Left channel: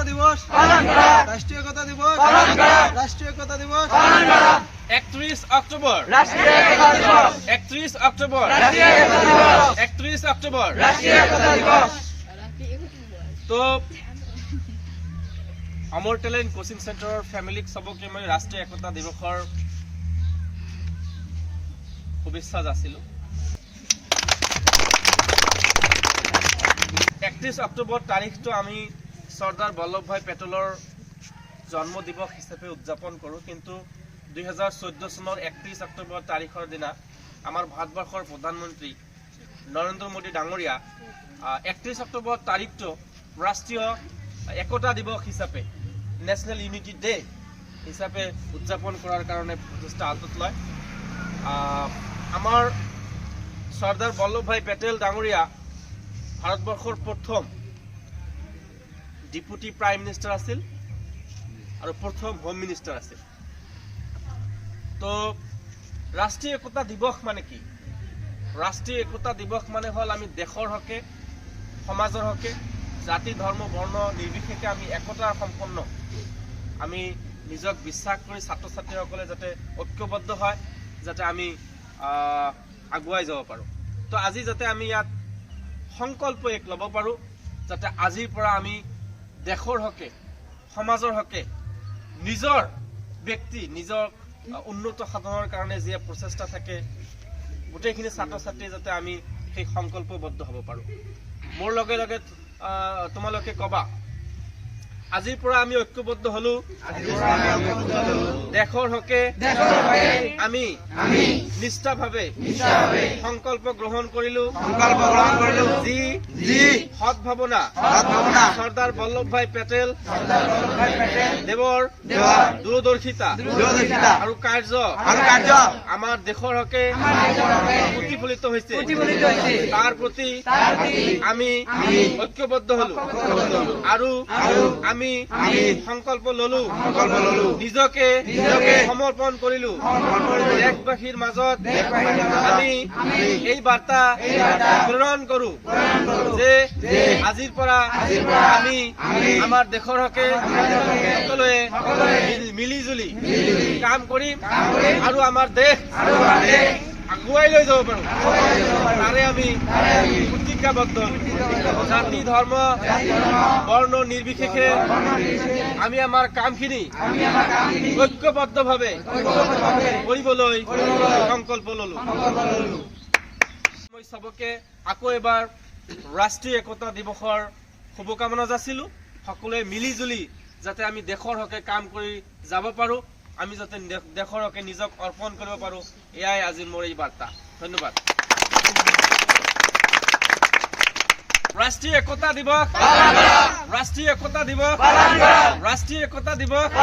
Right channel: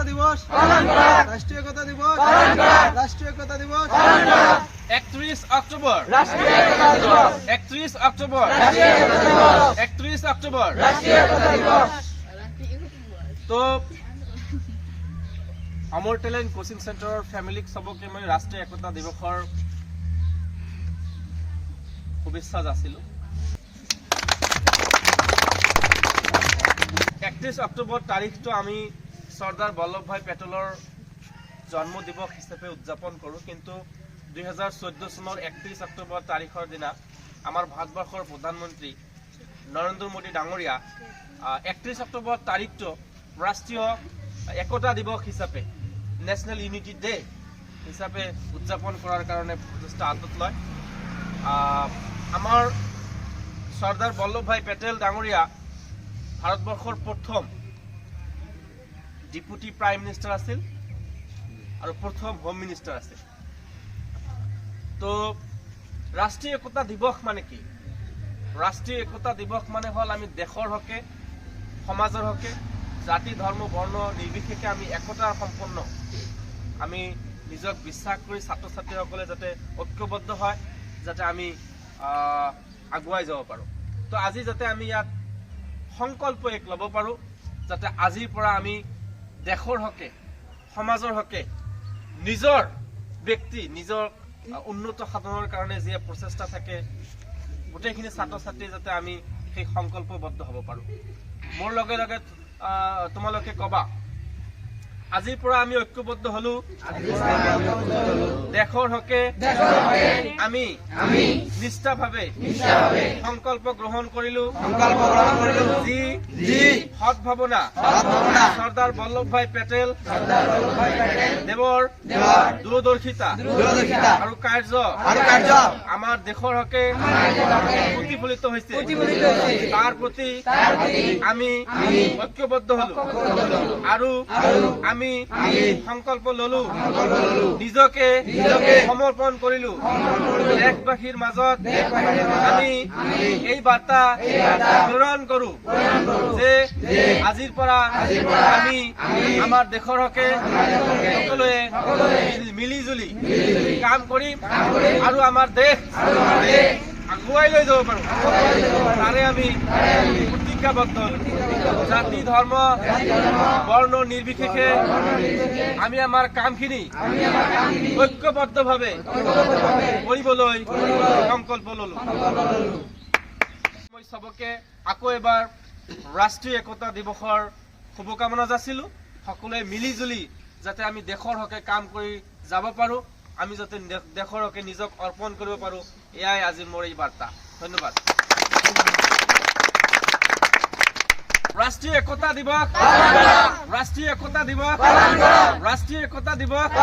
একতা দিবস রাষ্ট্রীয় একতা দিবস রাষ্ট্রীয় একতা দিবস 31 অক্টোবর 31 অক্টোবর 31 অক্টোবর তো अमर टैलेंट कोचिंग सेंटर फैमिली सबके मैं राष्ट्रीय एकता दिवसर शुभेच्छा जाचिलो 31 अक्टोबर तारीख तो आमी सरदार वल्लभ भाई पेटेलर जन्म दिवस हिसापे उद्यापन करूँ किन्तु 2014 सनर 31 अक्टोबर तारीखर दिना आमार भारतवर्षर प्रधानमंत्री नरेंद्र मोदी डांगरिया 31 अक्टोबर तारीख तो राष्ट्रीय एकता दिवस हिसापे नेशनल यूनिटी डे हिसापे उद्यापन करार कारणे प्रचेष्टा हातत लय आमार सरदार वल्लभ भाई पेटेल डांगरिया भारतवर्षर प्रथम डिपुटी प्राइम मिनिस्टार आसिल और प्रथम होम मिनिस्टार आसिल तो राष्ट्रीय एकता दिवस माने कि राष्ट्रीय एकता दिवस माने हल आमी देशर हके समाजर हके जाति धर्म वर्ण निर्विशेषे आमी एकतार सम्पन्न आमी निजक বিশ্বাস কৰি ছাত্ৰ ছাত্ৰীসকলে যাতে ঐক্যবদ্ধ হয় যাতে আমি আগুৱাই যাব পাৰো তো আজি যাতে আমি ইয়াত সংকল্প এক লব পাৰো যাতে আজিৰ পৰা আমি দেশৰ হকে সমাজৰ হকে নিজৰ ব্যক্তি নিজৰ উন্নত সাধনৰ কাৰণে যে প্ৰচেষ্টা থাকে গোটেইখিনি ছাত্ৰ ছাত্ৰী যাতে আমি সেই সংকল্পবদ্ধ হ'ব পাৰো মোৰ লগে লগে তোমালোকে কবা আজিৰ পৰা আমি ঐক্যবদ্ধ হলো দেশৰ হকে আমি নিষ্ঠাভাৱে সংকল্প গ্ৰহণ কৰিলো যি সৎ ভাৱনা সৰ্দাৰ বল্লভ ভাই পেটেল দেৱৰ দূৰদৰ্শিতা আৰু কাৰ্য আমাৰ দেশৰ হকে প্ৰতিফলিত হৈছে তাৰ প্ৰতি আমি ঐক্যবদ্ধ হলো আৰু আমি সংকল্প ললো নিজকে সমৰ্পণ কৰিলো দেশবাসীৰ মাজত আমি এই বাৰ্তা প্ৰেৰণ কৰো যে আজিৰ পৰা আমি আমাৰ দেশৰ হকে সকলোৱে মিলিজুলি কাম কৰিম আৰু আমাৰ দেশ আগুৱাই লৈ যাব পাৰো তাৰে আমি প্ৰতিজ্ঞাবদ্ধ জাতি ধৰ্ম বৰ্ণ নিৰ্বিশেষে আমি আমাৰ কামখিনি ঐক্যবদ্ধভাৱে কৰিবলৈ সংকল্প ললো মই সবকে আকৌ এবাৰ ৰাষ্ট্ৰীয় একতা দিৱসৰ শুভকামনা যাচিলো সকলোৱে মিলিজুলি যাতে আমি দেশৰ হকে কাম কৰি যাব পাৰো আমি যাতে দেশৰ হকে নিজক অৰ্পণ কৰিব পাৰো এয়াই আজিৰ মোৰ এই বাৰ্তা ধন্যবাদ राष्ट्रीय एकता दिवस राष्ट्रीय एकता दिवस राष्ट्रीय एकता दिवस